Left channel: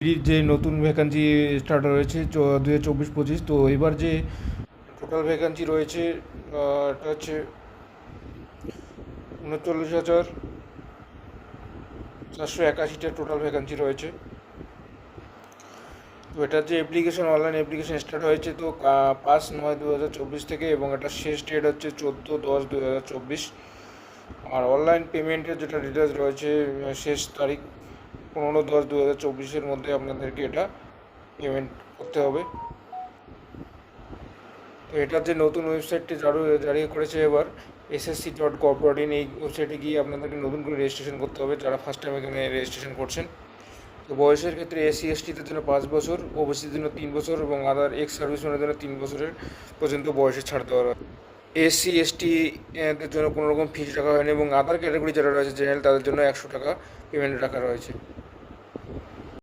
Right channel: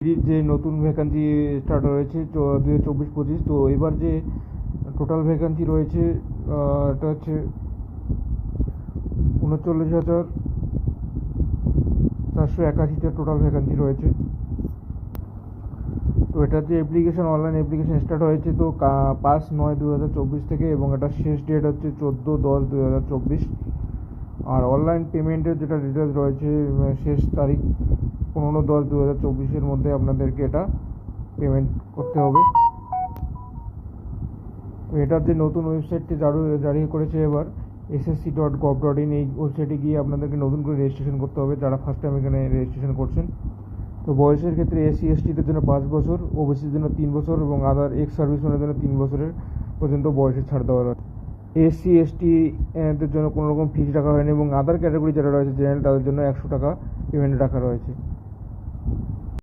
যে নতুন vacancy start হয়েছে 2024-25। তো এবার যে টোটাল ভ্যাকান্সি রয়েছে এটা হচ্ছে 39,481টা টোটাল ভ্যাকান্সি রয়েছে। তো এটার যে অনলাইন অ্যাপ্লিকেশন স্টার্ট হয়েছে তো 5/9/2024 থেকে, এবং এটার শেষ ডেট হচ্ছে 14/10/2024। আর অনলাইন পেমেন্টের যেটা ডিটেলস রয়েছে, শেষ তারিখ 15/10/2024 মধ্যে আপনাদেরকে এটা পেমেন্ট করতে হবে। তো এটার যে নতুন ওয়েবসাইটটি জারি করেছে এবার, ssc.gov.in, এই ওয়েবসাইটে গিয়ে আপনাদেরকে নতুন করে রেজিস্ট্রেশন করতে হবে যারা ফার্স্ট টাইম এখানে রেজিস্ট্রেশন করছেন। তো বয়সের ক্ষেত্রে SC/STদের জন্য 5 বছর, ওবিসিদের জন্য 3 বছর এবং আদার এক্স সার্ভিসম্যানের জন্য 3 বছরের পর্যন্ত বয়সে ছাড় দেওয়া হয়। SC/ST দের জন্য কোনো রকম ফিজ রাখা হয়নি, এবং আদার ক্যাটাগরি যারা রয়েছে জেনারেল, তাদের জন্য 100 টাকা পেমেন্ট রাখা রয়েছে।